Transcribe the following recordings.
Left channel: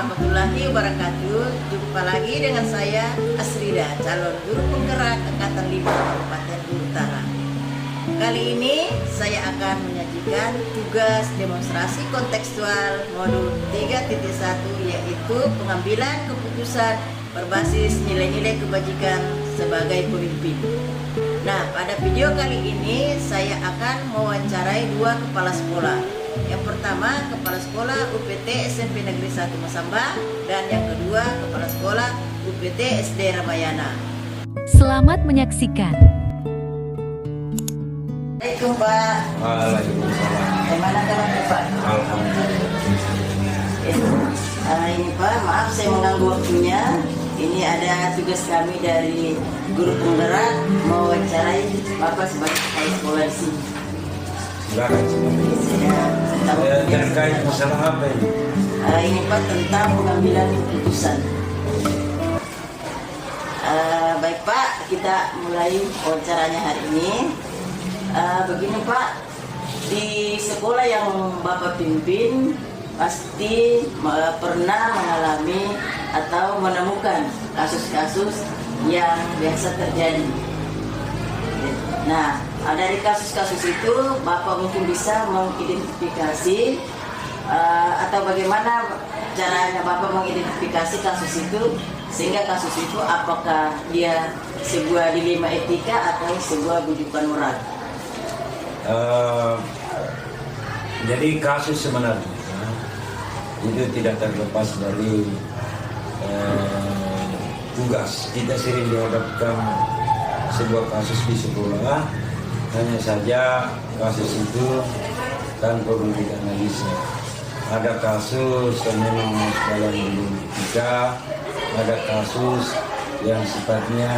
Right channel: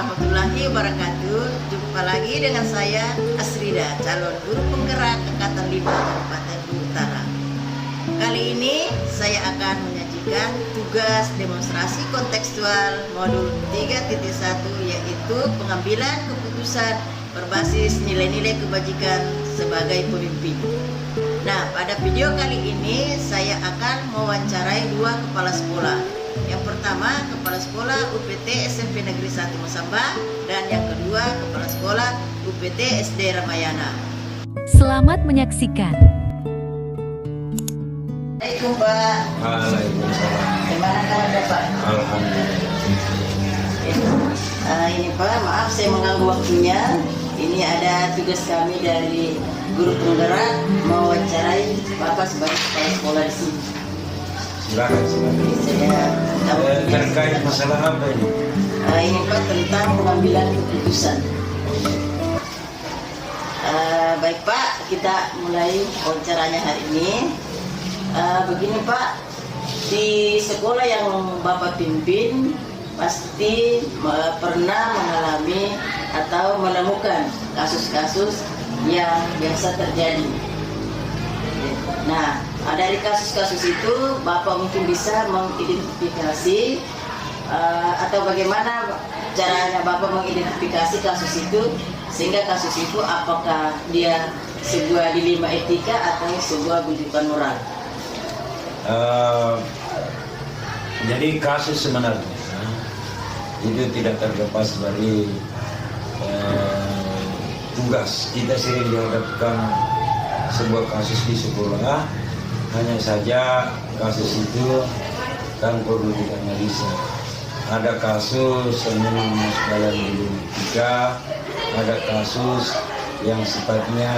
warahmatullahi wabarakatuh. Jumpa lagi dengan saya Asrida, calon guru penggerak Angkatan 5 Kabupaten Luwu Utara. Kali ini saya akan menyajikan tugas demonstrasi kontekstual modul 3.1, yaitu pengambilan keputusan berbasis nilai-nilai kebajikan sebagai pemimpin. Nah, pada video kali ini saya akan mewawancarai dua kepala sekolah. Yang pertama, Kepala Sekolah UPT SMP Negeri 1 Masamba, dan yang kedua, Kepala Sekolah UPT SD Ramayana. Selamat menyaksikan. Assalamualaikum Pak. Waalaikumsalam. Bagaimana kabarnya Pak? Alhamdulillah. Ini Pak, maaf saya mengganggu waktunya. Ini ada tugas kami dari guru penggerak mewawancarai Bapak sebagai kepala sekolah di sini. Silakan. Terkait masalah apa ini? Ini Pak, tentang pengambilan keputusan. Baik Pak, kita mulai wawancaranya hari ini. Begini Pak, di sekolah yang Bapak pimpin pasti pernah mengalami atau menemukan kasus-kasus yang biasa terjadi. Nah, dari kasus-kasus itu Bapak mungkin bisa mengidentifikasi atau bagaimana caranya Bapak mengidentifikasi kasus itu, sehingga kasus itu apakah dia sebuah dilema etika atau sebuah bujukan moral. Jadi kasus sebenarnya itu tidak terlepas dari tugas. Kita sering dihadapkan sebuah kasus di sekolah, hanya saja kasus itu kan perlu dianalisa. Ada kasus yang memang dalam etika, ada kasus yang sifatnya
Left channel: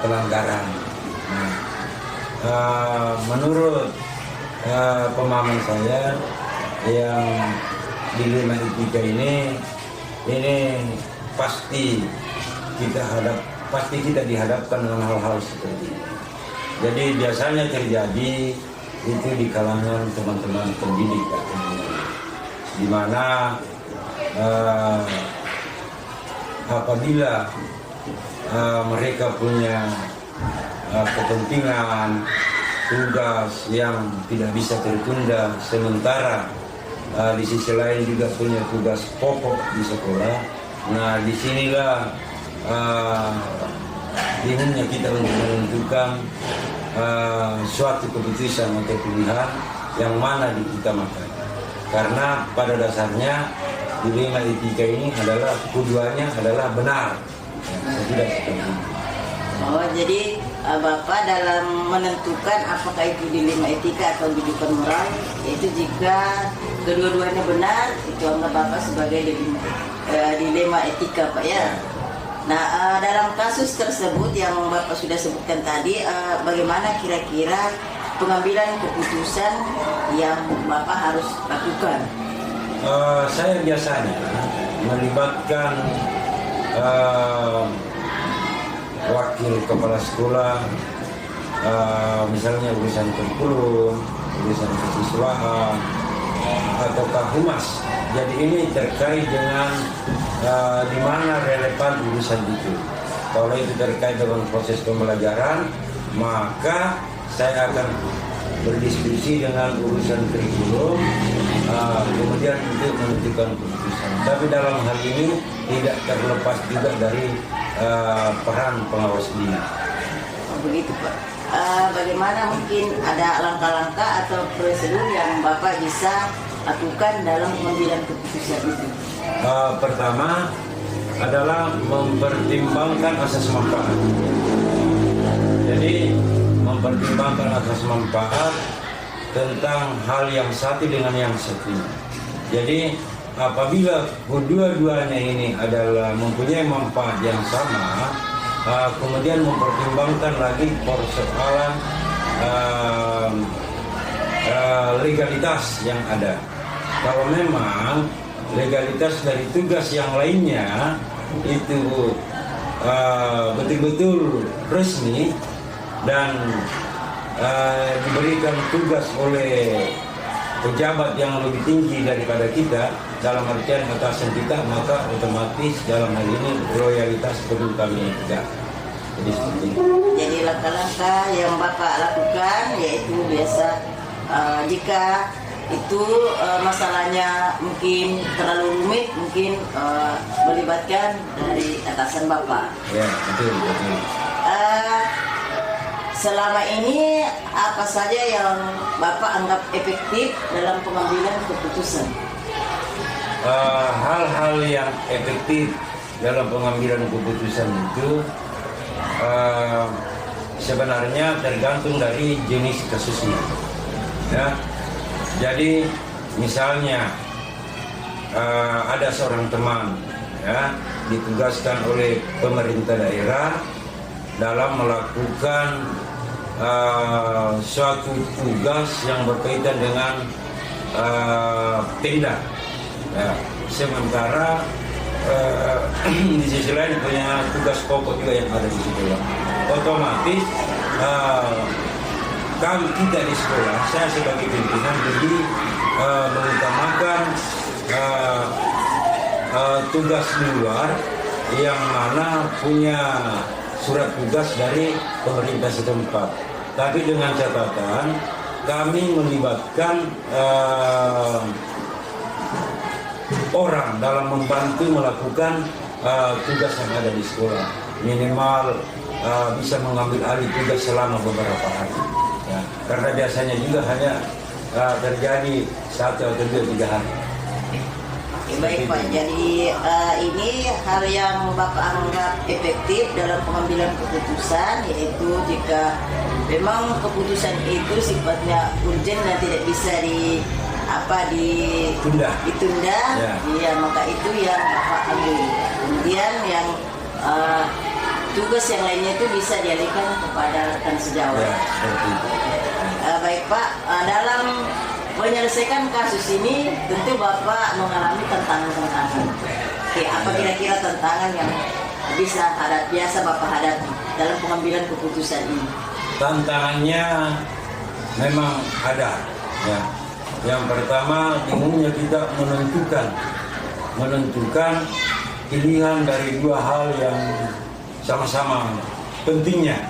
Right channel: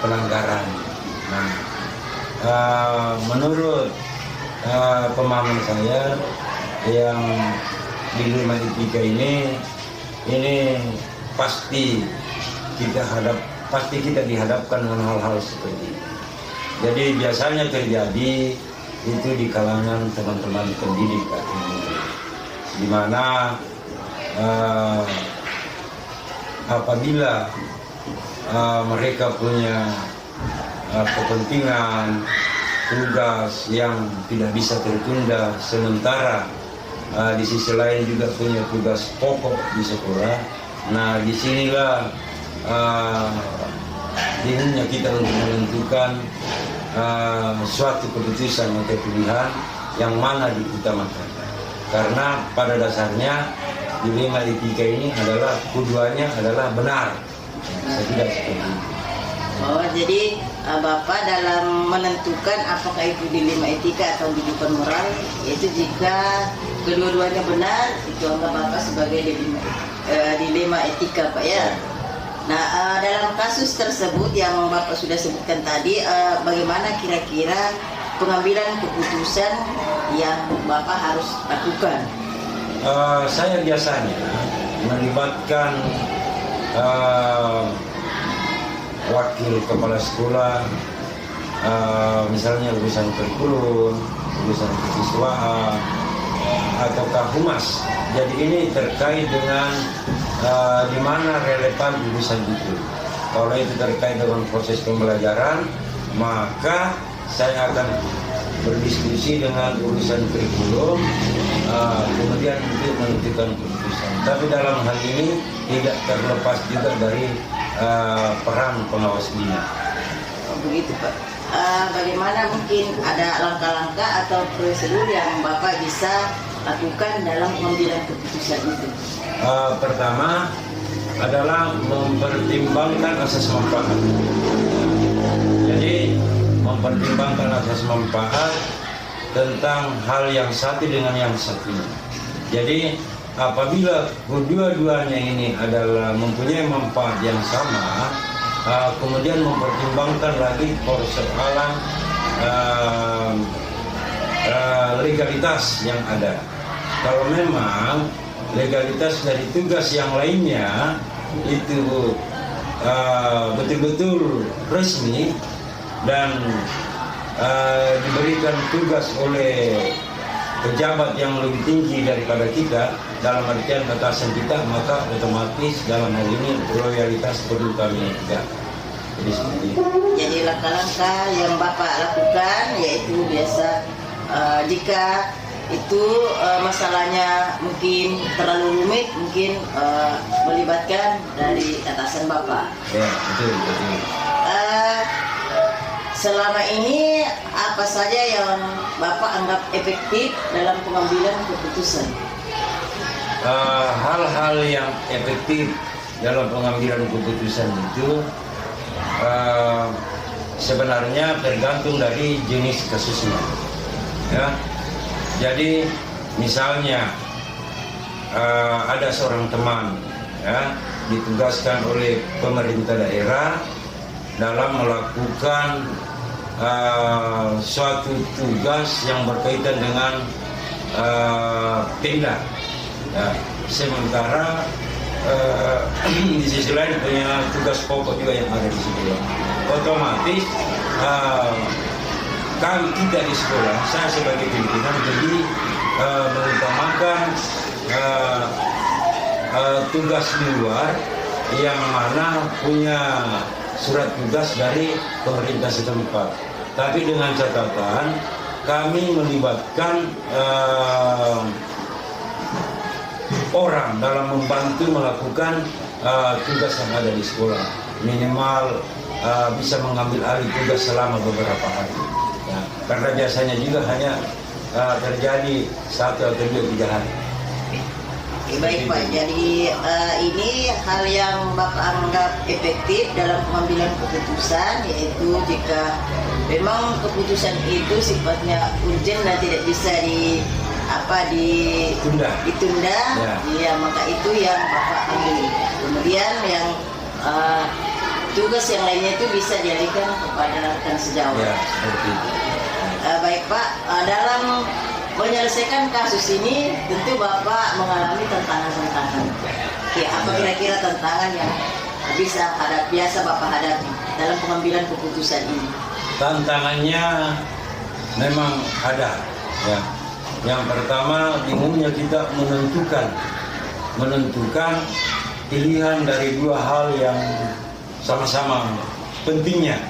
pelanggaran. Nah, menurut pemahaman saya, yang dilema etika ini pasti kita dihadapkan dengan hal-hal seperti ini. Jadi biasanya terjadi itu di kalangan teman-teman pendidik, di mana apabila mereka punya kepentingan tugas yang tidak bisa tertunda, sementara di sisi lain juga punya tugas pokok di sekolah. Nah, disinilah intinya kita untuk menentukan suatu keputusan atau pilihan yang mana diutamakan. Karena pada dasarnya dilema etika ini adalah tujuannya adalah benar, tidak seperti itu. Oh, jadi Bapak dalam menentukan apakah itu dilema etika atau bujukan moral, yaitu jika kedua-duanya benar, itu anggap Bapak sebagai dilema etika, Pak ya. Nah, dalam kasus tersebut yang Bapak sudah sebutkan tadi, bagaimana kira-kira pengambilan keputusan yang Bapak harus lakukan? Saya biasanya melibatkan wakil kepala sekolah, misalnya urusan kurikulum, urusan kesiswaan, ataukah humas. Jadi ini terkait dengan di mana relevan urusan itu. Kalau itu terkait dengan proses pembelajaran, maka saya akan berdiskusi dengan urusan kurikulum, kemudian untuk menentukan keputusan. Tapi dalam hal ini tidak terlepas juga dari peran pengawas bina. Oh, begitu Pak. Bagaimana mungkin ada langkah-langkah atau prosedur yang Bapak bisa lakukan dalam pengambilan keputusan itu? Pertama adalah mempertimbangkan asas manfaat. Jadi mempertimbangkan asas manfaat tentang hal yang satu dengan yang satunya. Jadi apabila kedua-duanya ini adalah mempunyai manfaat yang sama, kemudian mempertimbangkan lagi persoalan legalitas yang ada. Kalau memang legalitas dari tugas yang lainnya itu betul-betul resmi dan diberikan tugas oleh pejabat yang lebih tinggi daripada kita, dalam artian atasan kita, maka otomatis dalam hal ini loyalitas perlu kami juga. Jadi seperti itu. Jadi langkah-langkah yang Bapak lakukan yaitu biasa jika itu masalahnya mungkin terlalu rumit, mungkin melibatkan dari atasan Bapak. Ya, betul. Selama ini apa saja yang Bapak anggap efektif dalam pengambilan keputusan? Hal-hal yang efektif dalam pengambilan keputusan itu sebenarnya tergantung dari jenis kasusnya. Ya, jadi misalnya ada seorang teman ya ditugaskan oleh pemerintah daerah dalam melakukan suatu tugas yang berkaitan dengan tenda. Ya, sementara di sisi lain punya tugas pokok juga yang ada di sekolah. Otomatis kami kita di sekolah, saya sebagai pimpinan jadi mengutamakan tugas di luar yang mana punya surat tugas dari pemerintah setempat. Tapi dengan catatan kami melibatkan orang dalam membantu melakukan tugas yang ada di sekolah. Minimal bisa mengambil alih tugas selama beberapa hari. Ya, karena biasanya juga hanya terjadi 1 atau 2-3 hari. Baik Pak, jadi ini hal yang Bapak anggap efektif dalam pengambilan keputusan, yaitu jika memang keputusan itu sifatnya urgent dan tidak bisa ditunda, ya maka itu yang Bapak ambil. Kemudian yang tugas yang lainnya itu bisa dialihkan kepada rekan sejawat. Ya, seperti itu. Baik Pak, dalam menyelesaikan kasus ini tentu Bapak mengalami tantangan-tantangan. Oke, apa kira-kira tantangan yang biasa Bapak hadapi dalam pengambilan keputusan ini? Tantangannya memang ada. Ya. Yang pertama, bingungnya kita menentukan pilihan dari 2 hal yang sama-sama pentingnya.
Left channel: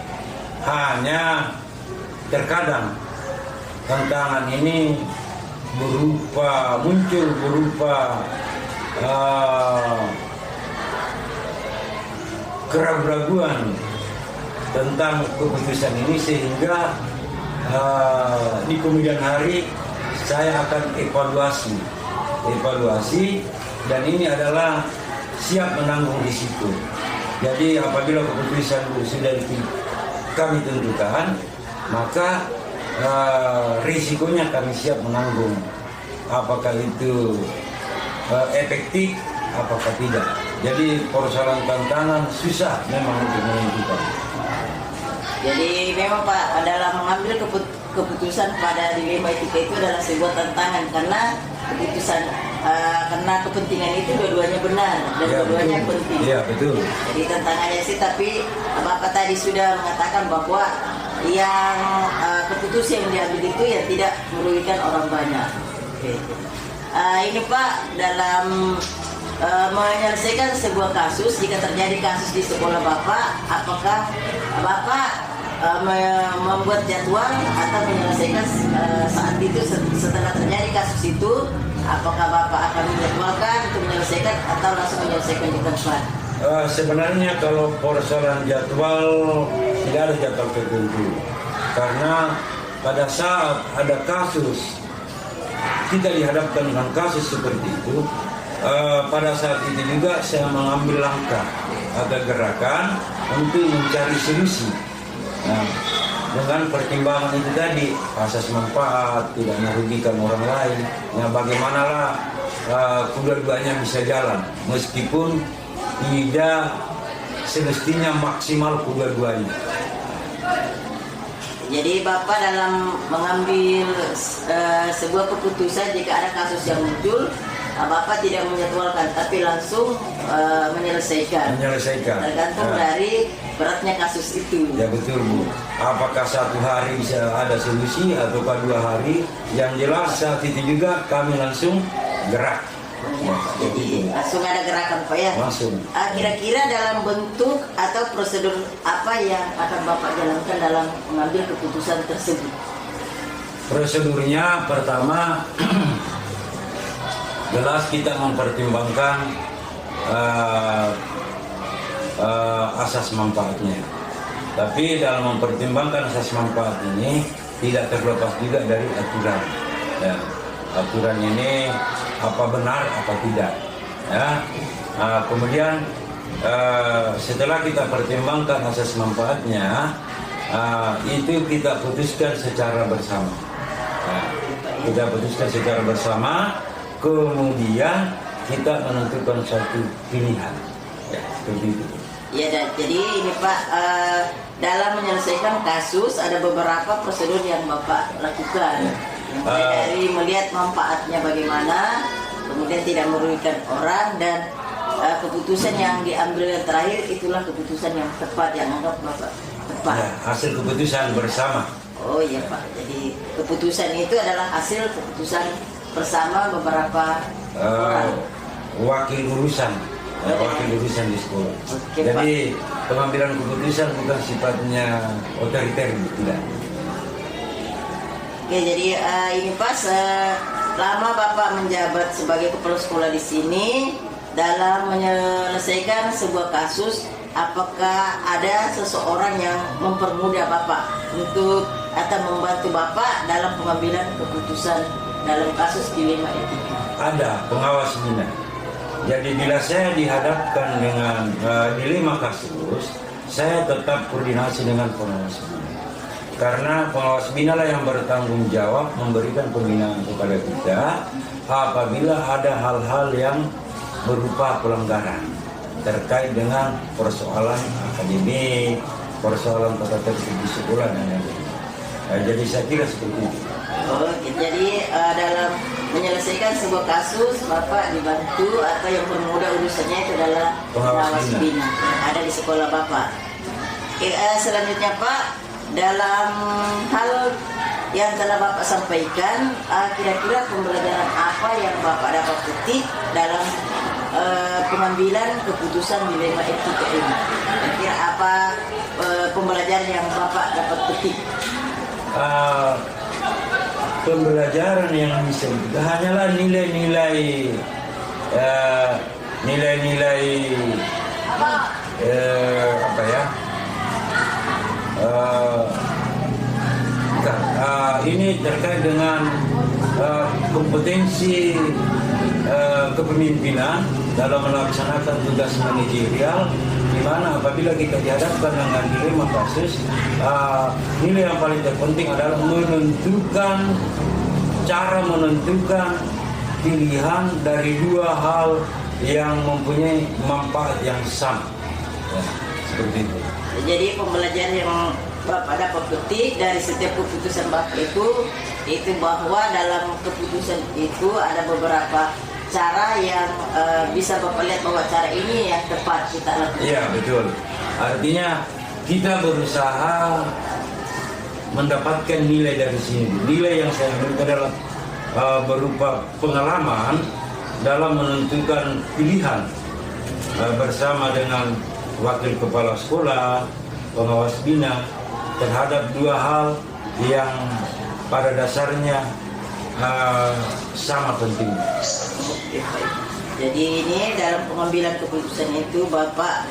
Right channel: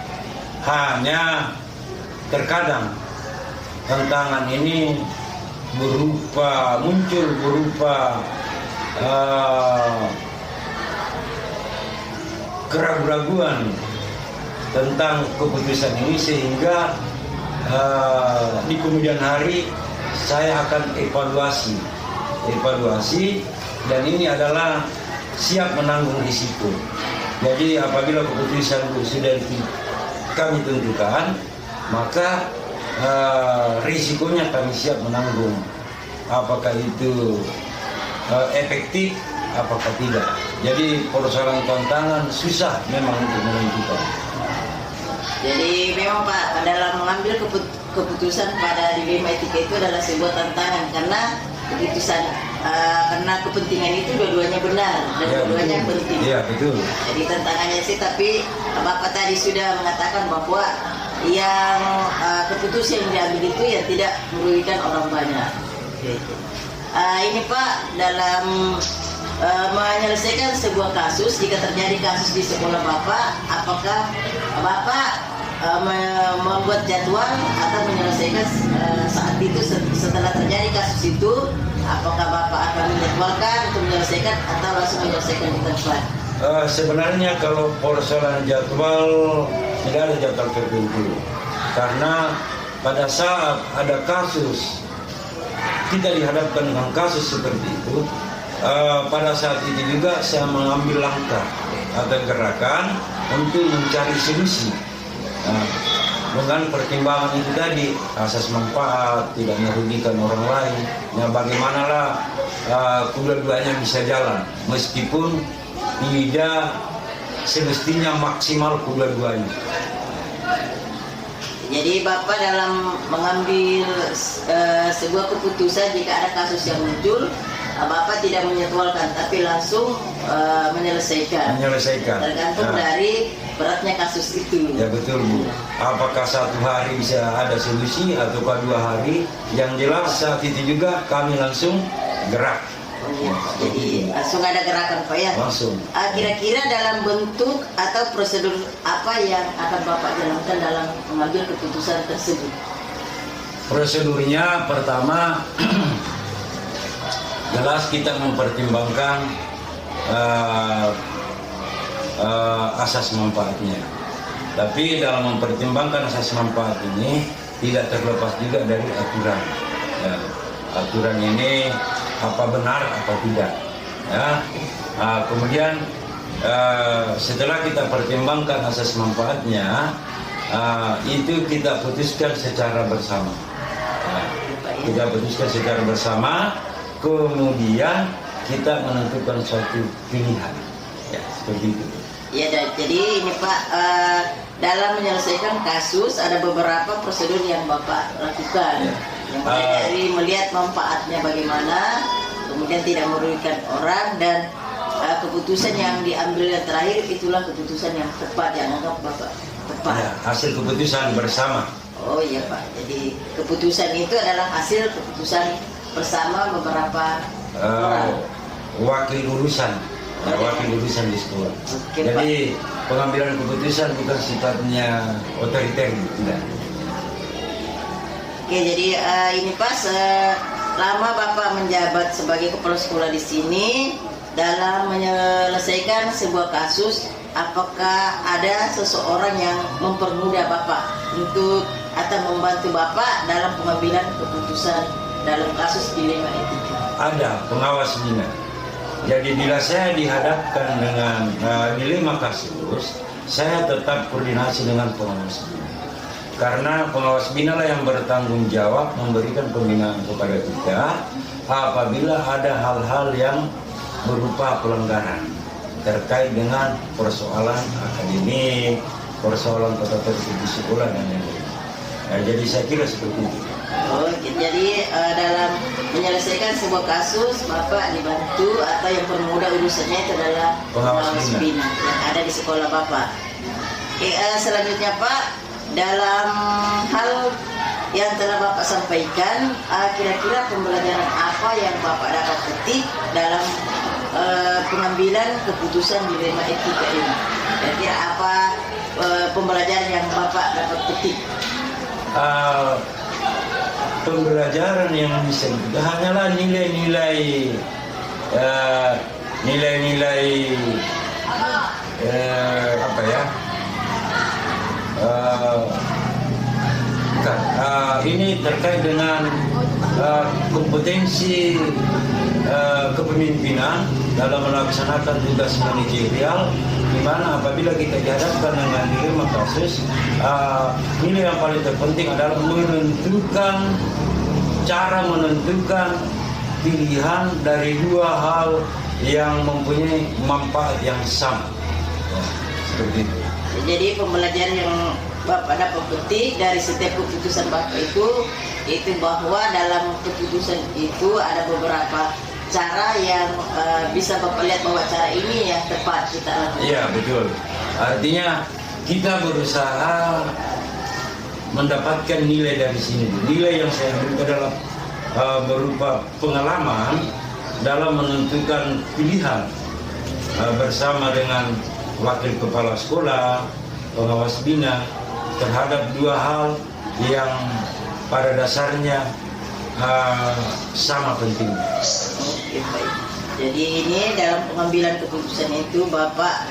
Hanya terkadang tantangan ini muncul berupa keraguan tentang keputusan ini, sehingga di kemudian hari saya akan evaluasi dan ini adalah siap menanggung risiko. Jadi apabila keputusan sudah kami tentukan, maka risikonya kami siap menanggung. Apakah itu efektif, apakah tidak. Jadi persoalan tantangan susah memang untuk menentukan. Jadi memang Pak, dalam mengambil keputusan pada dilema etika itu adalah sebuah tantangan, karena keputusan karena kepentingan itu dua-duanya benar dan dua-duanya penting. Iya, betul. Jadi tantangannya sih, tapi Bapak tadi sudah mengatakan bahwa yang keputusan yang diambil itu yang tidak merugikan orang banyak. Oke. Ini Pak, dalam menyelesaikan sebuah kasus, jika terjadi kasus di sekolah Bapak, apakah Bapak membuat jadwal atau menyelesaikan saat itu setelah terjadi kasus itu, apakah Bapak akan menjadwalkan untuk menyelesaikan atau langsung menyelesaikan di tempat? Sebenarnya kalau persoalan jadwal tidak ada jadwal tertentu, karena pada saat ada kasus kita dihadapkan dengan kasus seperti itu, pada saat itu juga saya mengambil langkah atau gerakan untuk mencari solusi. Dengan pertimbangan itu tadi, asas manfaat, tidak merugikan orang lain. Nah, bagaimanalah kedua-duanya bisa jalan, meskipun tidak semestinya maksimal kedua-duanya. Jadi Bapak dalam mengambil sebuah keputusan, jika ada kasus yang muncul, Bapak tidak menjadwalkan, tapi langsung menyelesaikan. Tergantung dari beratnya kasus itu. Ya betul Bu. Apakah 1 hari bisa ada solusi atau 2 hari? Yang jelas saat itu juga kami langsung gerak. Ya, jadi langsung ada gerakan Pak ya. Langsung. Kira-kira dalam bentuk atau prosedur apa yang akan Bapak jalankan dalam mengambil keputusan tersebut? Prosedurnya pertama jelas kita mempertimbangkan asas manfaatnya. Tapi dalam mempertimbangkan asas manfaat ini tidak terlepas juga dari aturan. Ya, aturan ini apa benar apa tidak. Ya, kemudian setelah kita pertimbangkan asas manfaatnya, itu kita putuskan secara bersama. Kita putuskan secara bersama, kemudian kita menentukan suatu pilihan. Ya, seperti itu. Ya, jadi ini Pak, dalam menyelesaikan kasus ada beberapa prosedur yang Bapak lakukan. Yang mulai dari melihat manfaatnya bagaimana, kemudian tidak merugikan orang, dan keputusan yang diambil yang terakhir itulah keputusan yang tepat, yang anggap Bapak tepat. Ya, hasil keputusan bersama. Oh iya Pak, jadi keputusan itu adalah hasil keputusan bersama beberapa orang. Wakil urusan di sekolah. Oke, Jadi pengambilan keputusan bukan sifatnya otoriter, tidak. Oke, jadi ini Pak, selama Bapak menjabat sebagai kepala sekolah di sini, dalam menyelesaikan sebuah kasus, apakah ada seseorang yang mempermudah Bapak untuk atau membantu Bapak dalam pengambilan keputusan dalam kasus dilema etika? Ada pengawas bina. Jadi bila saya dihadapkan dengan dilema kasus, saya tetap koordinasi dengan pengawas bina. Karena pengawas bina lah yang bertanggung jawab memberikan pembinaan kepada kita apabila ada hal-hal yang berupa pelanggaran terkait dengan persoalan akademik, persoalan tata tertib di sekolah dan lain-lain. Nah, jadi saya kira seperti itu. Oh, dalam menyelesaikan sebuah kasus, Bapak dibantu atau yang permudah urusannya itu adalah pengawas bina yang ada di sekolah Bapak. Selanjutnya Pak, dalam hal yang telah Bapak sampaikan, kira-kira pembelajaran apa yang Bapak dapat petik dalam pengambilan keputusan dilema etika ini? Kira-kira apa pembelajaran yang Bapak dapat petik? Pembelajaran yang bisa kita hanyalah nilai-nilai apa ya? Ini terkait dengan kompetensi kepemimpinan dalam melaksanakan tugas manajerial, di mana apabila kita dihadapkan dengan dilema kasus, nilai yang paling terpenting adalah cara menentukan pilihan dari dua hal yang mempunyai manfaat yang sama. Ya, seperti itu. Jadi pembelajaran yang Bapak dapat petik dari setiap keputusan Bapak itu bahwa dalam keputusan itu ada beberapa cara yang bisa Bapak lihat bahwa cara ini yang tepat kita lakukan. Iya, betul. Artinya kita berusaha mendapatkan nilai dari sini. Nilai yang saya ambil adalah berupa pengalaman dalam menentukan pilihan bersama dengan wakil kepala sekolah, pengawas bina terhadap dua hal yang pada dasarnya sama pentingnya. Oke, baik. Jadi ini dalam pengambilan keputusan itu Bapak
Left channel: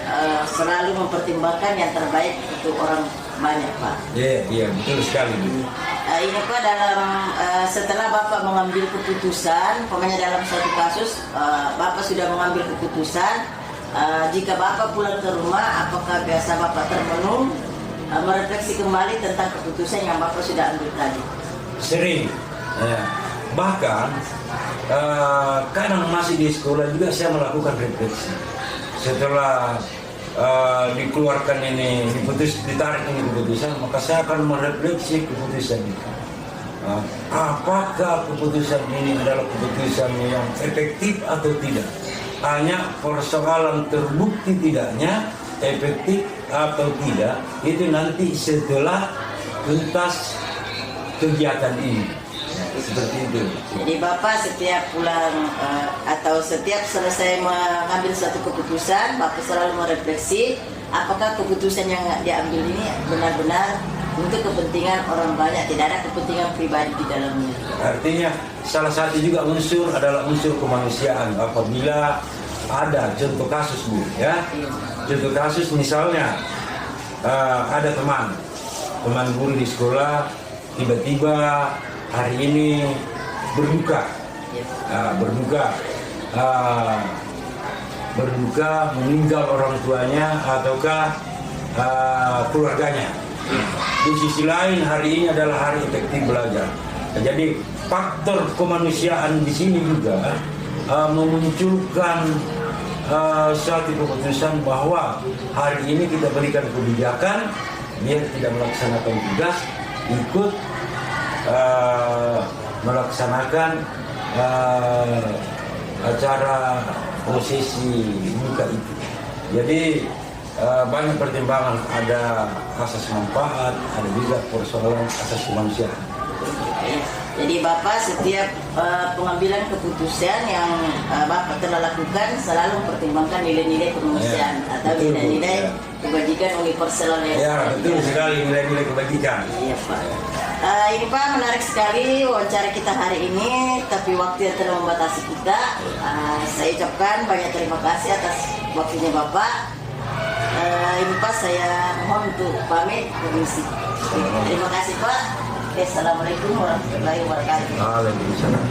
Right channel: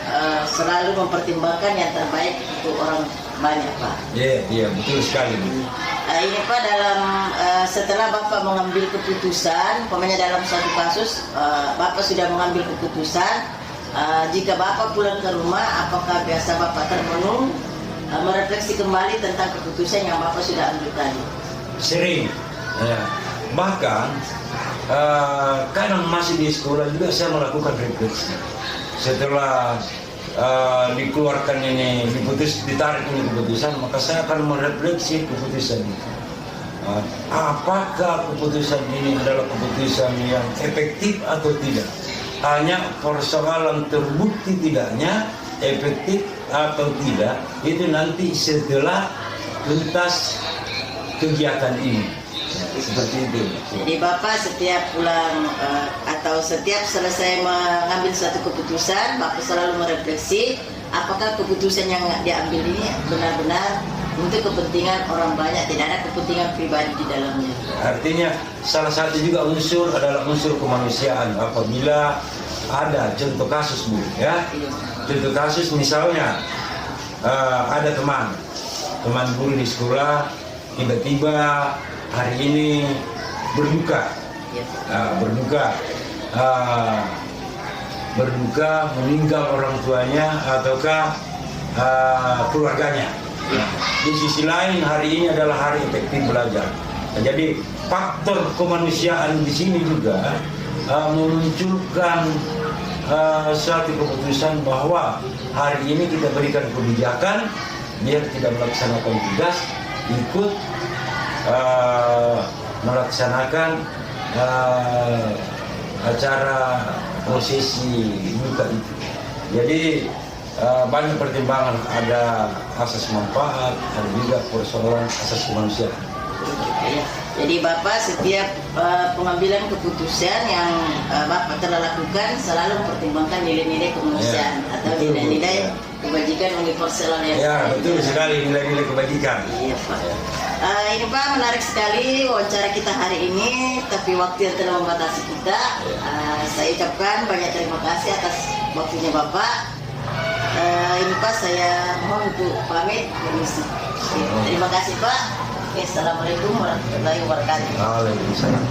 selalu mempertimbangkan yang terbaik untuk orang banyak, Pak. Iya, betul sekali. Ini Pak, dalam setelah Bapak mengambil keputusan, umpamanya dalam suatu kasus Bapak sudah mengambil keputusan, jika Bapak pulang ke rumah, apakah biasa Bapak termenung merefleksi kembali tentang keputusan yang Bapak sudah ambil tadi? Sering, ya. Bahkan kadang masih di sekolah juga saya melakukan refleksi. Setelah dikeluarkan ini, ditarik ini keputusan, maka saya akan merefleksi keputusan itu. apakah keputusan ini adalah keputusan yang efektif atau tidak. Hanya persoalan terbukti tidaknya efektif atau tidak itu nanti setelah tuntas kegiatan ini. Seperti itu. Jadi Bapak setiap pulang atau setiap selesai mengambil suatu keputusan, Bapak selalu merefleksi apakah keputusan yang diambil ini benar-benar untuk kepentingan orang banyak, tidak ada kepentingan pribadi di dalamnya. Artinya salah satu juga unsur adalah unsur kemanusiaan. Apabila ada contoh kasus Bu, ya, contoh kasus misalnya ada teman guru di sekolah tiba-tiba hari ini berduka, berduka meninggal orang tuanya ataukah keluarganya. Di sisi lain hari ini adalah hari efektif belajar. Jadi faktor kemanusiaan di sini juga memunculkan suatu keputusan bahwa hari ini kita berikan kebijakan dia tidak melaksanakan tugas, ikut melaksanakan acara prosesi buka itu. Jadi banyak pertimbangan, ada asas manfaat, ada juga persoalan asas kemanusiaan. Jadi Bapak setiap pengambilan keputusan yang Bapak telah lakukan selalu mempertimbangkan nilai-nilai kemanusiaan atau nilai-nilai kebajikan universal yang betul sekali, nilai-nilai kebajikan. Iya Pak. Ini Pak menarik sekali wawancara kita hari ini, tapi waktu yang telah membatasi kita. Saya ucapkan banyak terima kasih atas waktunya Bapak. Ini Pak saya mohon untuk pamit permisi. Terima kasih Pak. Assalamualaikum warahmatullahi wabarakatuh. Waalaikumsalam.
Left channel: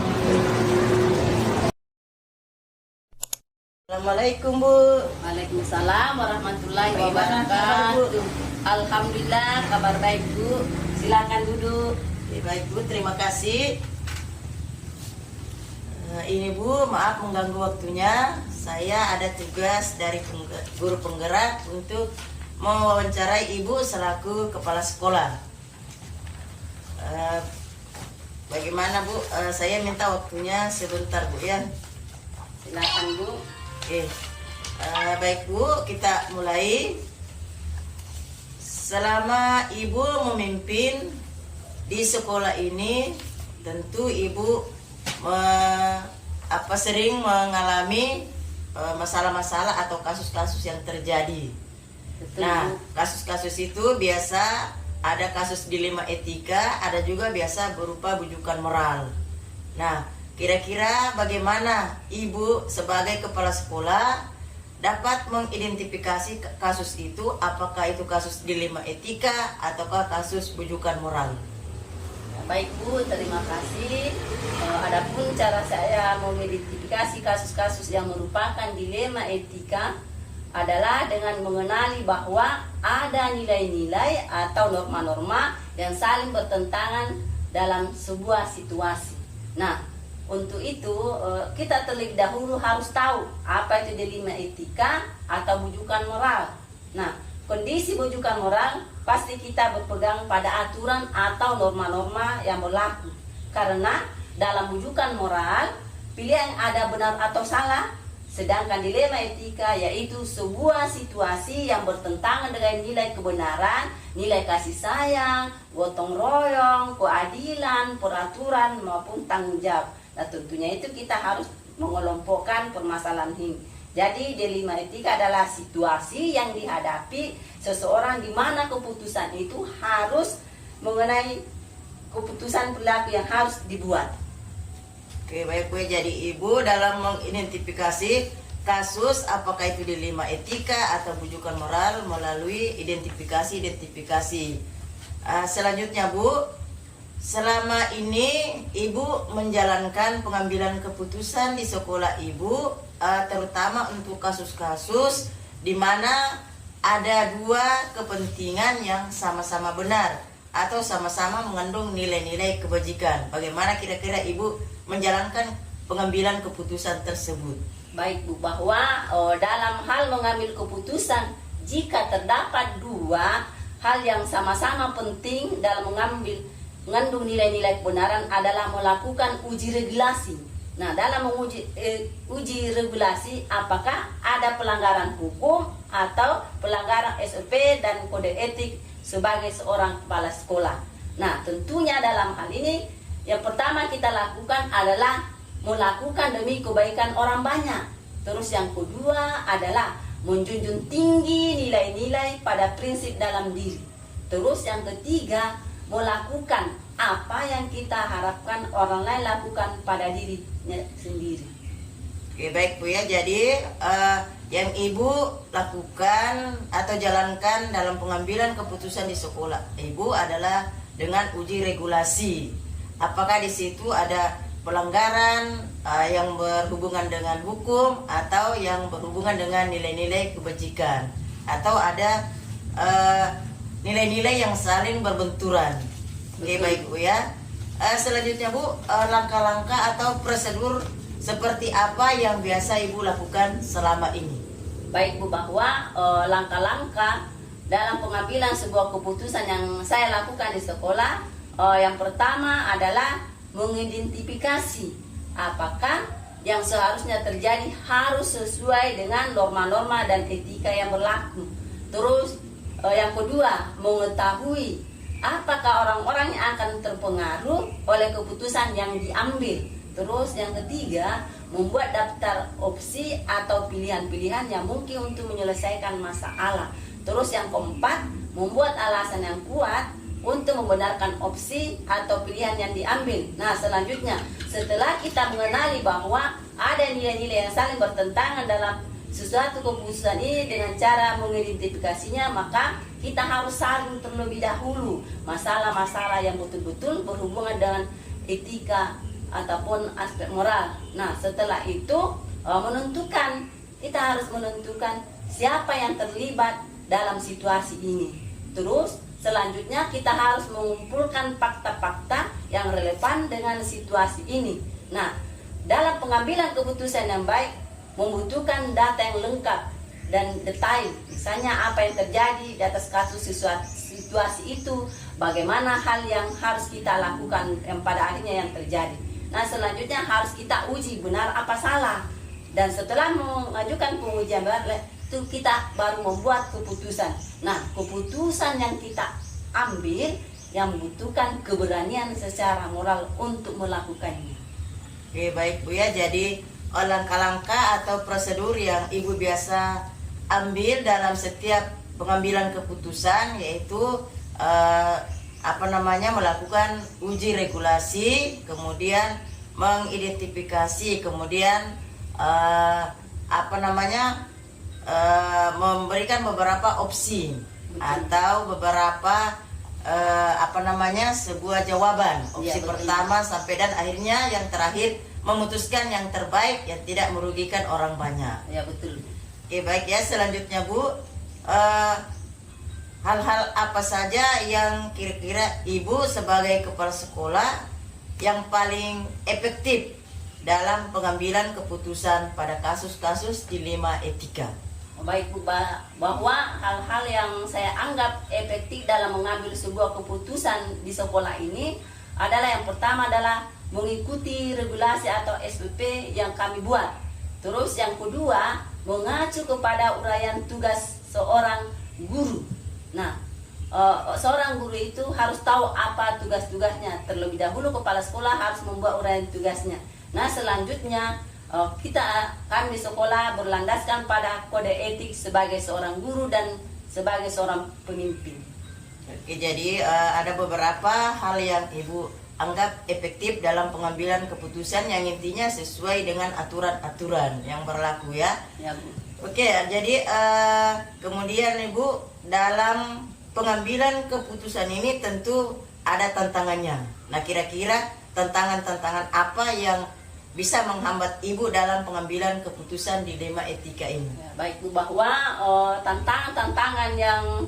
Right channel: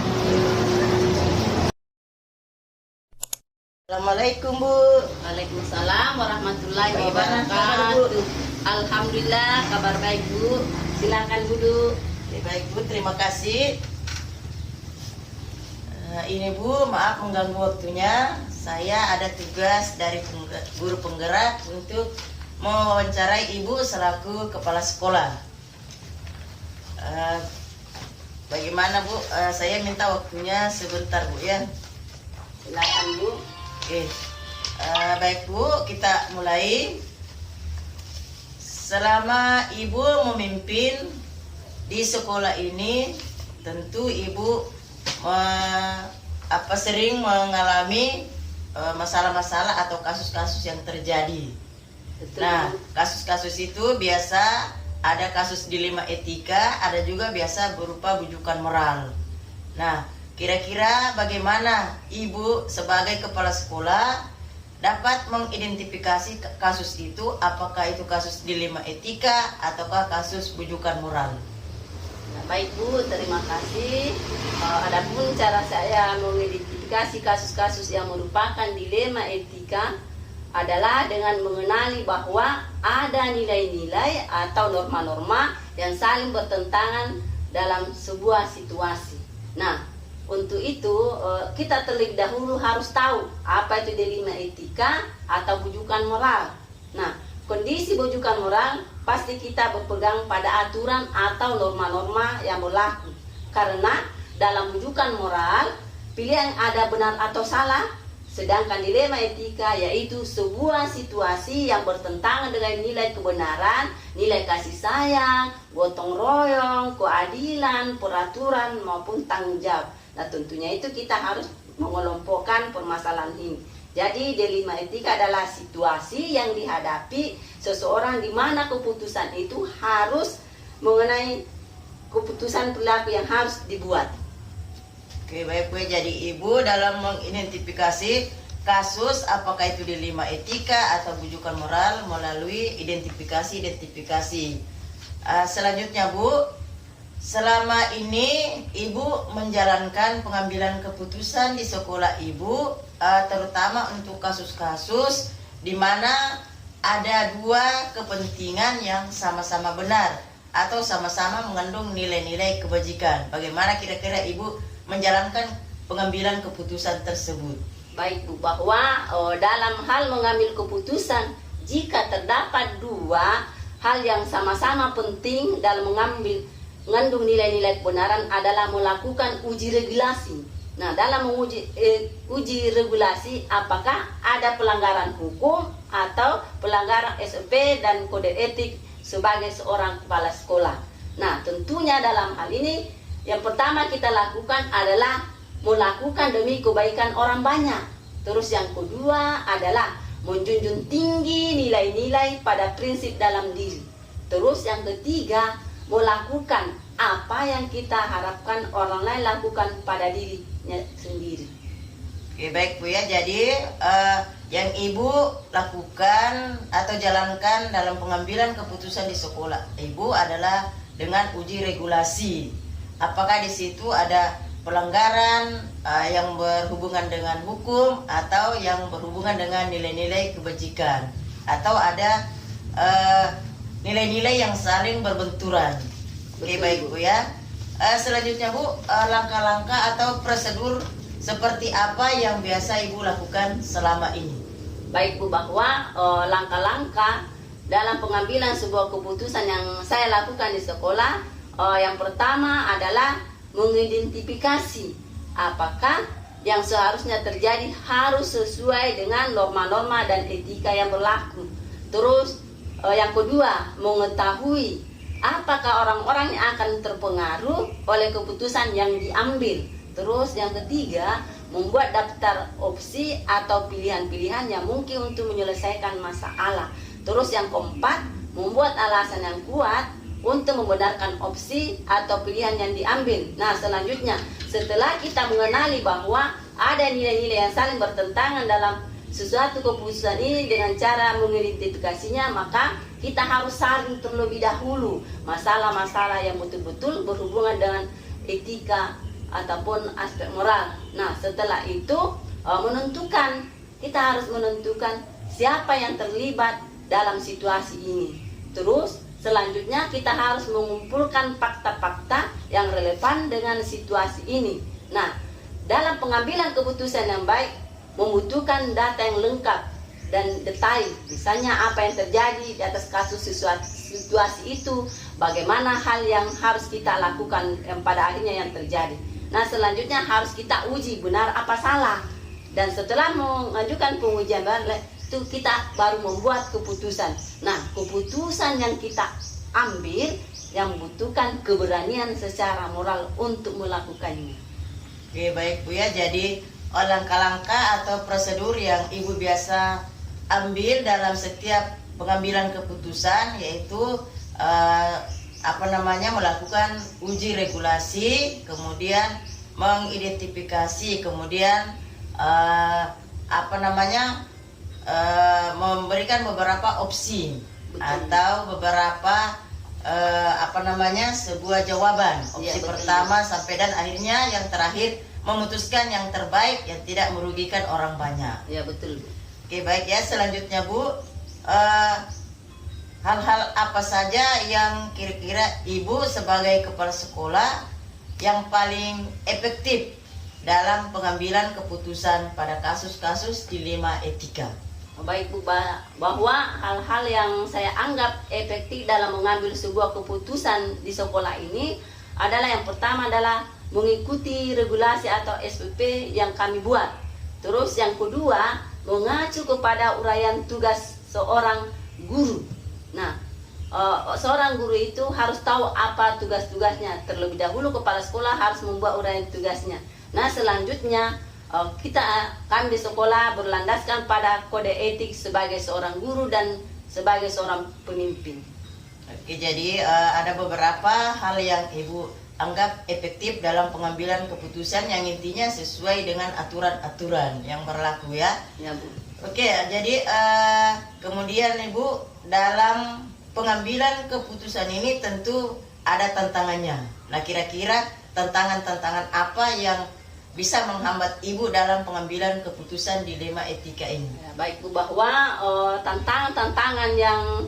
Assalamualaikum Bu. Waalaikumsalam warahmatullahi Bagaimana kabar, Bu? wabarakatuh. Alhamdulillah kabar baik Bu. Silakan duduk. Baik Bu, terima kasih. Ini Bu, maaf mengganggu waktunya. Saya ada tugas dari guru penggerak untuk mewawancarai Ibu selaku kepala sekolah. Bagaimana Bu? Saya minta waktunya sebentar Bu ya. Silakan Bu. Oke. Baik Bu, kita mulai. Selama Ibu memimpin di sekolah ini, tentu Ibu sering mengalami masalah-masalah atau kasus-kasus yang terjadi. Betul, Nah, Bu. kasus-kasus itu biasa ada kasus dilema etika, ada juga biasa berupa bujukan moral. Nah, kira-kira bagaimana Ibu sebagai kepala sekolah dapat mengidentifikasi kasus itu, apakah itu kasus dilema etika ataukah kasus bujukan moral? Baik Bu, terima kasih. Adapun cara saya mengidentifikasi kasus-kasus yang merupakan dilema etika adalah dengan mengenali bahwa ada nilai-nilai atau norma-norma yang saling bertentangan dalam sebuah situasi. Nah, untuk itu kita terlebih dahulu harus tahu apa itu dilema etika atau bujukan moral. Nah, kondisi bujukan moral pasti kita berpegang pada aturan atau norma-norma yang berlaku. Karena dalam bujukan moral, pilihan ada benar atau salah, sedangkan dilema etika yaitu sebuah situasi yang bertentangan dengan nilai kebenaran, nilai kasih sayang, gotong royong, keadilan, peraturan maupun tanggung jawab. Nah, tentunya itu kita harus mengelompokkan permasalahan ini. Jadi dilema etika adalah situasi yang dihadapi seseorang di mana keputusan itu harus mengenai keputusan perilaku yang harus dibuat. Oke, baik Bu. Jadi Ibu dalam mengidentifikasi kasus apakah itu dilema etika atau bujukan moral melalui identifikasi. Selanjutnya Bu, selama ini Ibu menjalankan pengambilan keputusan di sekolah Ibu, terutama untuk kasus-kasus di mana ada dua kepentingan yang sama-sama benar atau sama-sama mengandung nilai-nilai kebajikan. Bagaimana kira-kira Ibu menjalankan pengambilan keputusan tersebut? Baik Bu, bahwa dalam hal mengambil keputusan, jika terdapat dua hal yang sama-sama penting dalam mengambil mengandung nilai-nilai kebenaran adalah melakukan uji regulasi. Nah, dalam menguji uji regulasi, apakah ada pelanggaran hukum atau pelanggaran SOP dan kode etik sebagai seorang kepala sekolah. Nah, tentunya dalam hal ini yang pertama kita lakukan adalah melakukan demi kebaikan orang banyak. Terus yang kedua adalah menjunjung tinggi nilai-nilai pada prinsip dalam diri. Terus yang ketiga, melakukan apa yang kita harapkan orang lain lakukan pada dirinya sendiri. Oke, baik Bu ya. Jadi yang Ibu lakukan atau jalankan dalam pengambilan keputusan di sekolah Ibu adalah dengan uji regulasi. Apakah di situ ada pelanggaran yang berhubungan dengan hukum atau yang berhubungan dengan nilai-nilai kebajikan, atau ada nilai-nilai yang saling berbenturan. Oke, baik Bu ya. Selanjutnya Bu, langkah-langkah atau prosedur seperti apa yang biasa Ibu lakukan selama ini? Baik Bu, bahwa langkah-langkah dalam pengambilan sebuah keputusan yang saya lakukan di sekolah, yang pertama adalah mengidentifikasi apakah yang seharusnya terjadi harus sesuai dengan norma-norma dan etika yang berlaku. Terus yang kedua, mengetahui apakah orang-orang yang akan terpengaruh oleh keputusan yang diambil. Terus yang ketiga, membuat daftar opsi atau pilihan-pilihan yang mungkin untuk menyelesaikan masalah. Terus yang keempat, membuat alasan yang kuat untuk membenarkan opsi atau pilihan yang diambil. Nah, selanjutnya, setelah kita mengenali bahwa ada nilai-nilai yang saling bertentangan dalam sesuatu keputusan ini dengan cara mengidentifikasinya, maka kita harus saling terlebih dahulu masalah-masalah yang betul-betul berhubungan dengan etika ataupun aspek moral. Nah, setelah itu kita harus menentukan siapa yang terlibat dalam situasi ini. Terus selanjutnya kita harus mengumpulkan fakta-fakta yang relevan dengan situasi ini. Nah, dalam pengambilan keputusan yang baik membutuhkan data yang lengkap dan detail. Misalnya apa yang terjadi di atas kasus situasi itu, bagaimana hal yang harus kita lakukan yang pada akhirnya yang terjadi. Nah, selanjutnya harus kita uji benar apa salah. Dan setelah mengajukan pengujian itu kita baru membuat keputusan. Nah, keputusan yang kita ambil yang membutuhkan keberanian secara moral untuk melakukannya. Oke, baik Bu ya. Jadi langkah-langkah atau prosedur yang Ibu biasa ambil dalam setiap pengambilan keputusan yaitu melakukan uji regulasi, kemudian mengidentifikasi, kemudian memberikan beberapa opsi. Betul. Atau beberapa sebuah jawaban. Opsi pertama sampai dan akhirnya yang terakhir memutuskan yang terbaik yang tidak merugikan orang banyak. Ya, betul. Oke, baik ya. Selanjutnya Bu, hal-hal apa saja yang kira-kira Ibu sebagai kepala sekolah yang paling efektif dalam pengambilan keputusan pada kasus-kasus dilema etika? Baik Bu, bahwa hal-hal yang saya anggap efektif dalam mengambil sebuah keputusan di sekolah ini adalah yang pertama adalah mengikuti regulasi atau SOP yang kami buat. Terus yang kedua, mengacu kepada uraian tugas seorang guru. Nah, seorang guru itu harus tahu apa tugas-tugasnya. Terlebih dahulu kepala sekolah harus membuat uraian tugasnya. Nah, selanjutnya kami di sekolah berlandaskan pada kode etik sebagai seorang guru dan sebagai seorang pemimpin. Oke, jadi ada beberapa hal yang Ibu anggap efektif dalam pengambilan keputusan yang intinya sesuai dengan aturan-aturan yang berlaku ya. Ya Bu. Oke, jadi kemudian Ibu dalam pengambilan keputusan ini tentu ada tantangannya. Nah, kira-kira tantangan-tantangan apa yang bisa menghambat Ibu dalam pengambilan keputusan dilema etika ini? Ya, baik Bu, bahwa tantangan-tantangan yang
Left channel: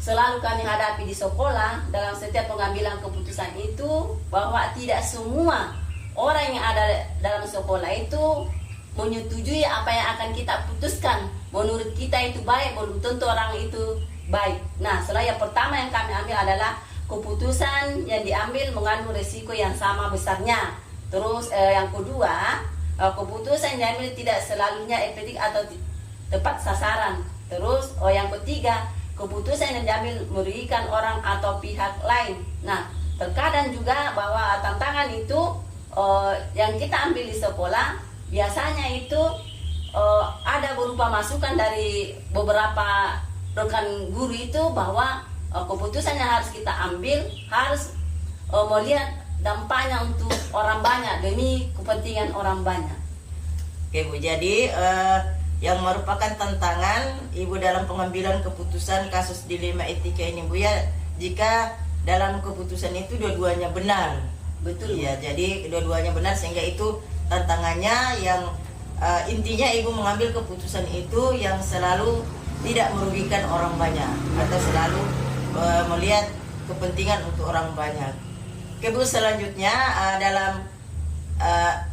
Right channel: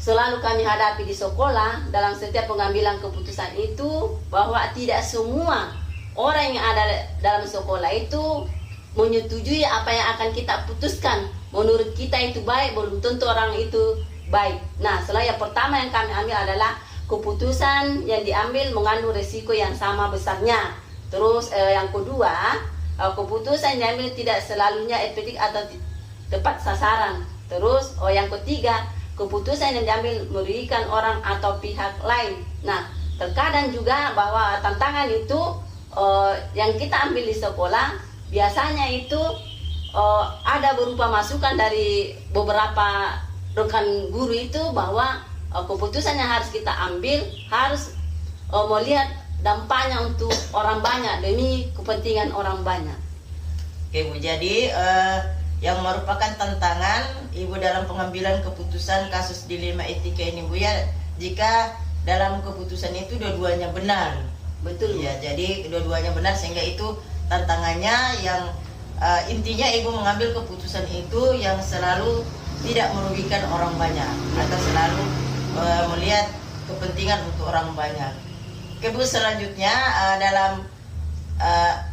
selalu kami hadapi di sekolah dalam setiap pengambilan keputusan itu, bahwa tidak semua orang yang ada dalam sekolah itu menyetujui apa yang akan kita putuskan. Menurut kita itu baik, belum tentu orang itu baik. Nah, yang pertama yang kami ambil adalah keputusan yang diambil mengandung resiko yang sama besarnya. Terus yang kedua, keputusan yang diambil tidak selalunya efektif atau tepat sasaran. Terus yang ketiga, keputusan yang diambil merugikan orang atau pihak lain. Nah, terkadang juga bahwa tantangan itu yang kita ambil di sekolah biasanya itu ada berupa masukan dari beberapa rekan guru itu bahwa keputusan yang harus kita ambil harus melihat dampaknya untuk orang banyak demi kepentingan orang banyak. Oke Bu, jadi yang merupakan tantangan Ibu dalam pengambilan keputusan kasus dilema etika ini Bu ya, jika dalam keputusan itu dua-duanya benar. Betul ya, jadi dua-duanya benar sehingga itu tantangannya yang intinya Ibu mengambil keputusan itu yang selalu tidak merugikan orang banyak atau selalu melihat kepentingan untuk orang banyak. Oke Bu, selanjutnya dalam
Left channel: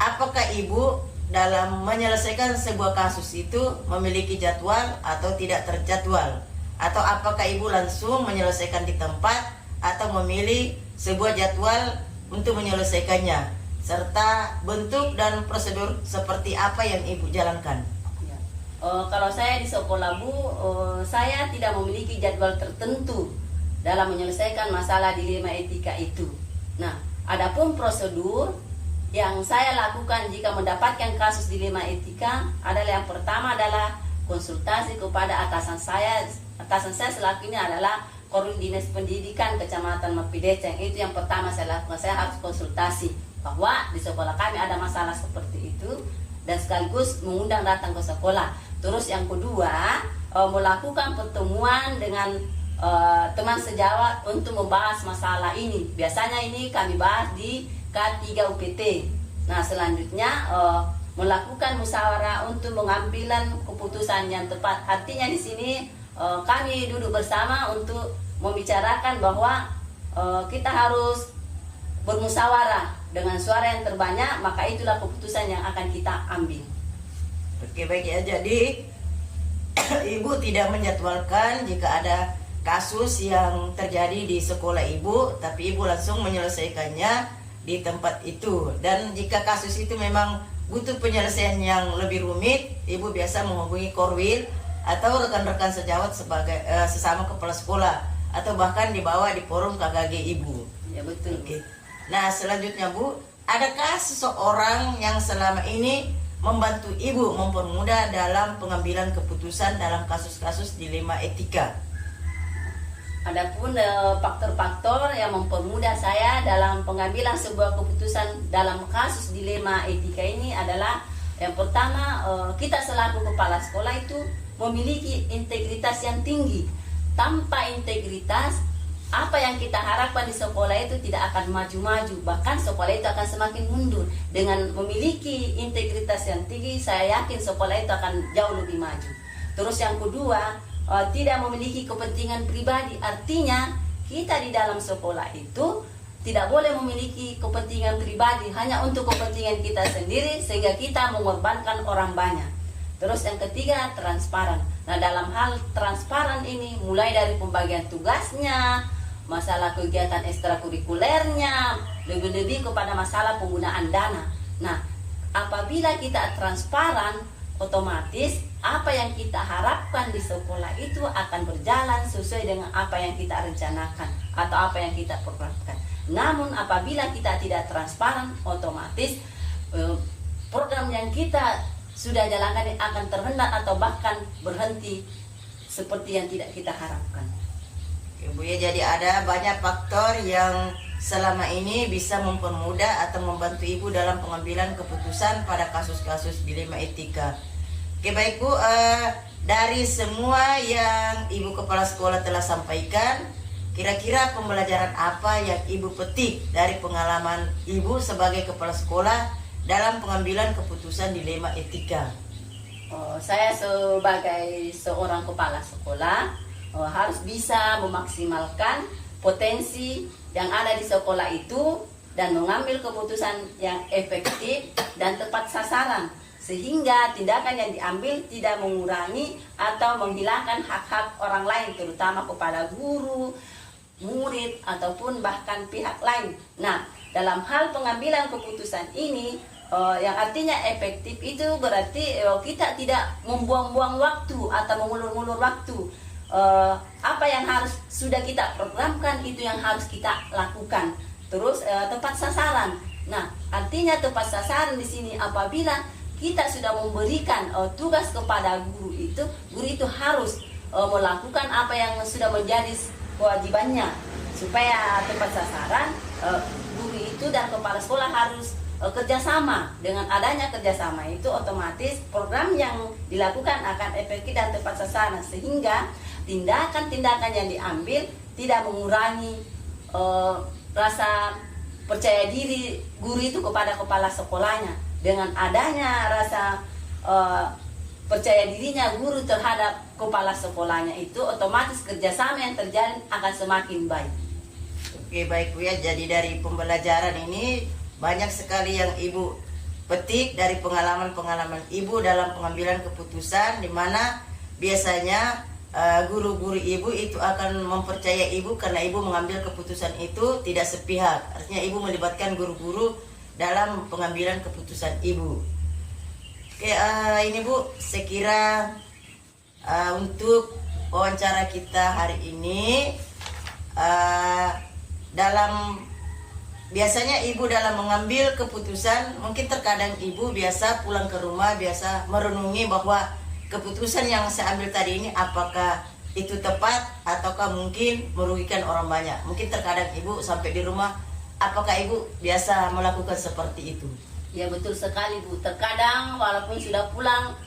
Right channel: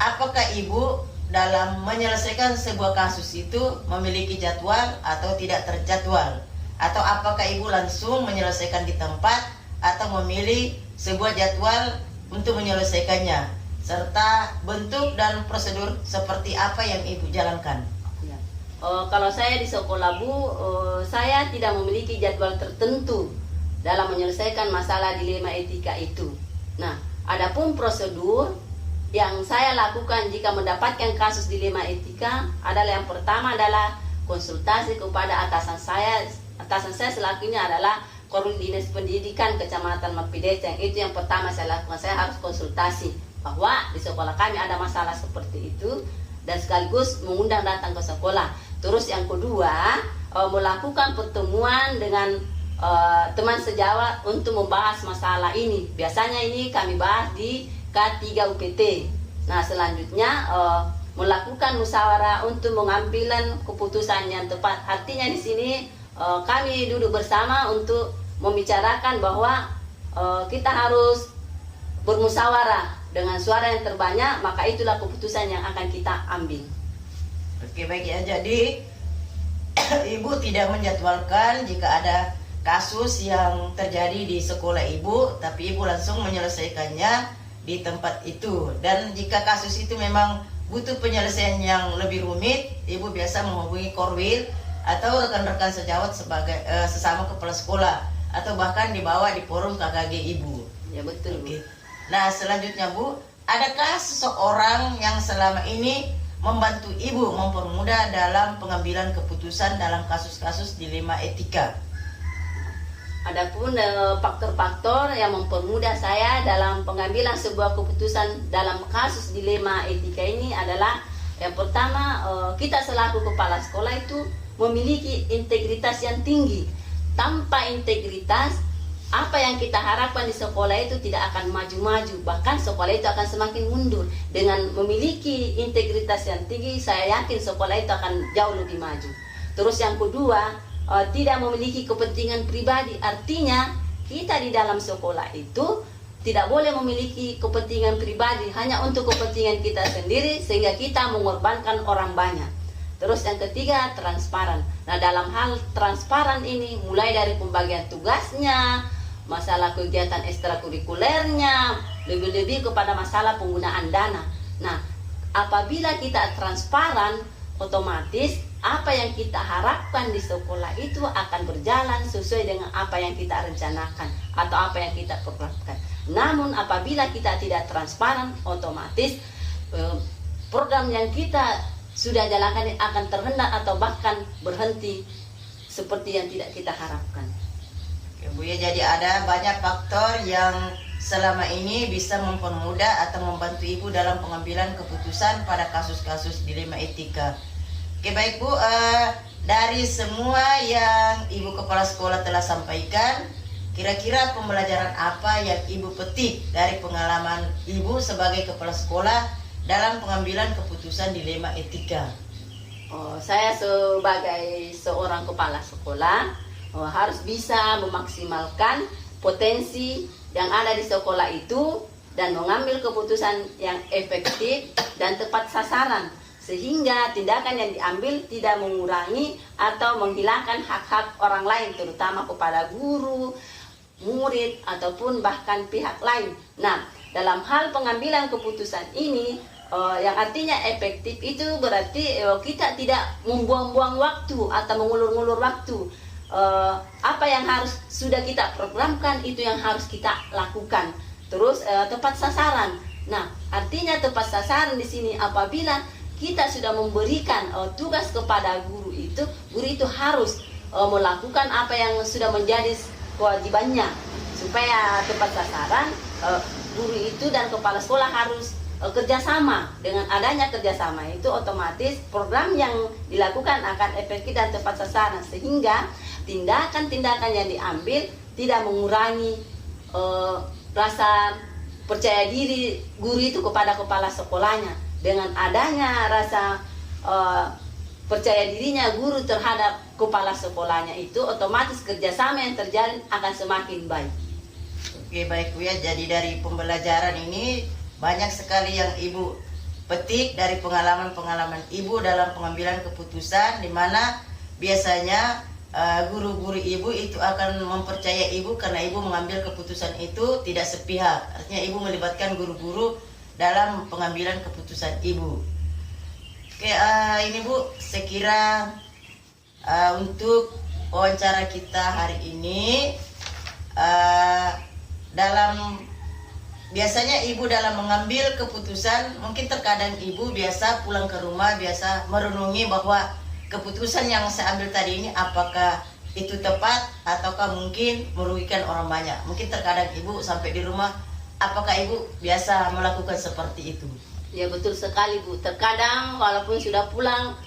apakah Ibu dalam menyelesaikan sebuah kasus itu memiliki jadwal atau tidak terjadwal, atau apakah Ibu langsung menyelesaikan di tempat atau memilih sebuah jadwal untuk menyelesaikannya, serta bentuk dan prosedur seperti apa yang Ibu jalankan? Ya. Kalau saya di sekolah Bu, saya tidak memiliki jadwal tertentu dalam menyelesaikan masalah dilema etika itu. Nah, adapun prosedur yang saya lakukan jika mendapatkan kasus dilema etika adalah yang pertama adalah konsultasi kepada atasan saya. Atasan saya selakunya adalah Korwil Dinas Pendidikan Kecamatan Mapideceng. Itu yang pertama saya lakukan. Saya harus konsultasi bahwa di sekolah kami ada masalah seperti itu dan sekaligus mengundang datang ke sekolah. Terus yang kedua, melakukan pertemuan dengan teman sejawat untuk membahas masalah ini. Biasanya ini kami bahas di K3 UPT. Nah, selanjutnya melakukan musyawarah untuk mengambilan keputusan yang tepat. Artinya di sini kami duduk bersama untuk membicarakan bahwa kita harus bermusyawarah dengan suara yang terbanyak, maka itulah keputusan yang akan kita ambil. Oke, baik ya. Jadi Ibu tidak menjadwalkan jika ada kasus yang terjadi di sekolah Ibu, tapi Ibu langsung menyelesaikannya di tempat itu. Dan jika kasus itu memang butuh penyelesaian yang lebih rumit, Ibu biasa menghubungi Korwil atau rekan-rekan sejawat sebagai sesama kepala sekolah, atau bahkan dibawa di forum KKG Ibu. Ya, betul. Oke. Nah, selanjutnya Bu, adakah seseorang yang selama ini membantu Ibu mempermudah dalam pengambilan keputusan dalam kasus-kasus dilema etika? Adapun faktor-faktor yang mempermudah saya dalam pengambilan sebuah keputusan dalam kasus dilema etika ini adalah yang pertama, kita selaku kepala sekolah itu memiliki integritas yang tinggi. Tanpa integritas, apa yang kita harapkan di sekolah itu tidak akan maju-maju, bahkan sekolah itu akan semakin mundur. Dengan memiliki integritas yang tinggi, saya yakin sekolah itu akan jauh lebih maju. Terus yang kedua, tidak memiliki kepentingan pribadi. Artinya kita di dalam sekolah itu tidak boleh memiliki kepentingan pribadi hanya untuk kepentingan kita sendiri sehingga kita mengorbankan orang banyak. Terus yang ketiga, transparan. Nah, dalam hal transparan ini mulai dari pembagian tugasnya, masalah kegiatan ekstrakurikulernya, lebih-lebih kepada masalah penggunaan dana. Nah, apabila kita transparan, otomatis apa yang kita harapkan di sekolah itu akan berjalan sesuai dengan apa yang kita rencanakan atau apa yang kita programkan. Namun apabila kita tidak transparan, otomatis program yang kita sudah jalankan akan terhendak atau bahkan berhenti seperti yang tidak kita harapkan. Oke, Bu ya, jadi ada banyak faktor yang selama ini bisa mempermudah atau membantu Ibu dalam pengambilan keputusan pada kasus-kasus dilema etika. Oke, baik Bu, dari semua yang Ibu Kepala Sekolah telah sampaikan, kira-kira pembelajaran apa yang Ibu petik dari pengalaman Ibu sebagai Kepala Sekolah dalam pengambilan keputusan dilema etika? Saya sebagai seorang kepala sekolah harus bisa memaksimalkan potensi yang ada di sekolah itu dan mengambil keputusan yang efektif dan tepat sasaran, sehingga tindakan yang diambil tidak mengurangi atau menghilangkan hak-hak orang lain, terutama kepada guru, murid ataupun bahkan pihak lain. Nah, dalam hal pengambilan keputusan ini yang artinya efektif itu berarti kita tidak membuang-buang waktu atau mengulur-ngulur waktu. Apa yang harus sudah kita programkan itu yang harus kita lakukan. Terus tepat sasaran. Nah, artinya tepat sasaran di sini apabila kita sudah memberikan tugas kepada guru itu harus melakukan apa yang sudah menjadi kewajibannya supaya tepat sasaran. Guru itu dan kepala sekolah harus kerjasama. Dengan adanya kerjasama itu otomatis program yang dilakukan akan efektif dan tepat sasaran, sehingga tindakan-tindakan yang diambil tidak mengurangi rasa percaya diri guru itu kepada kepala sekolahnya. Dengan adanya rasa percaya dirinya guru terhadap kepala sekolahnya itu, otomatis kerjasama yang terjalin akan semakin baik. Oke, baik Bu ya. Jadi dari pembelajaran ini banyak sekali yang Ibu petik dari pengalaman-pengalaman Ibu dalam pengambilan keputusan, di mana biasanya guru-guru Ibu itu akan mempercaya Ibu karena Ibu mengambil keputusan itu tidak sepihak. Artinya Ibu melibatkan guru-guru dalam pengambilan keputusan Ibu. Oke, ini Bu, saya kira untuk wawancara kita hari ini dalam biasanya Ibu dalam mengambil keputusan, mungkin terkadang Ibu biasa pulang ke rumah biasa merenungi bahwa keputusan yang saya ambil tadi ini apakah itu tepat ataukah mungkin merugikan orang banyak. Mungkin terkadang Ibu sampai di rumah, apakah Ibu biasa melakukan seperti itu? Ya, betul sekali Bu. Terkadang walaupun sudah pulang,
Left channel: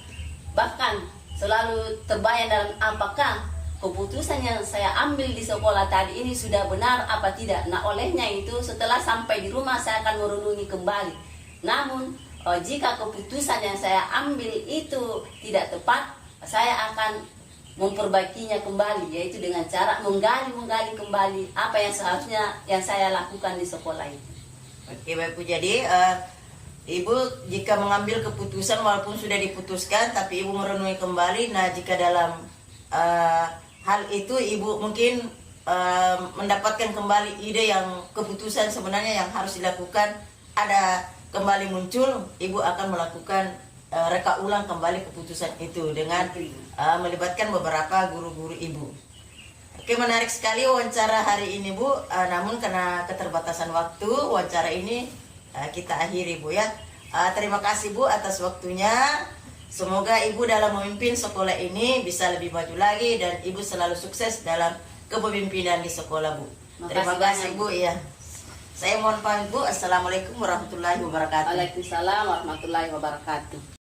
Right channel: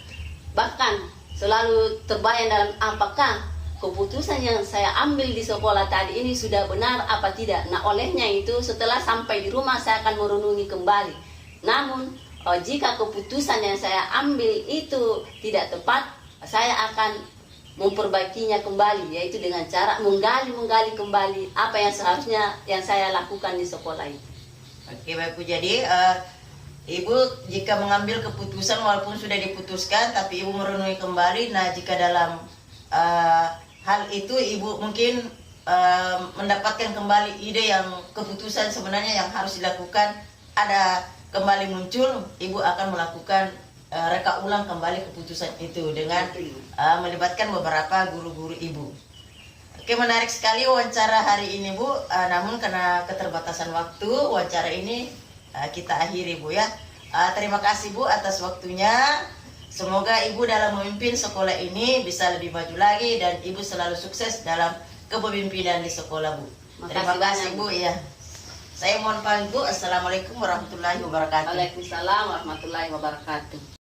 bahkan selalu terbayang dalam apakah keputusan yang saya ambil di sekolah tadi ini sudah benar apa tidak. Nah, olehnya itu setelah sampai di rumah saya akan merenungi kembali. Namun jika keputusan yang saya ambil itu tidak tepat, saya akan memperbaikinya kembali, yaitu dengan cara menggali kembali apa yang seharusnya yang saya lakukan di sekolah itu. Oke, baik Bu. Jadi Ibu jika mengambil keputusan walaupun sudah diputuskan, tapi Ibu merenungi kembali. Nah, jika dalam hal itu Ibu mungkin mendapatkan kembali ide yang keputusan sebenarnya yang harus dilakukan ada kembali muncul, Ibu akan melakukan reka ulang kembali keputusan itu dengan melibatkan beberapa guru-guru Ibu. Oke, menarik sekali wawancara hari ini Bu. Namun karena keterbatasan waktu, wawancara ini kita akhiri Bu ya. Terima kasih Bu atas waktunya. Semoga Ibu dalam memimpin sekolah ini bisa lebih maju lagi dan Ibu selalu sukses dalam kepemimpinan di sekolah Bu. Terima kasih Bu ya. Saya mohon pamit Bu. Assalamualaikum warahmatullahi wabarakatuh. Waalaikumsalam warahmatullahi wabarakatuh.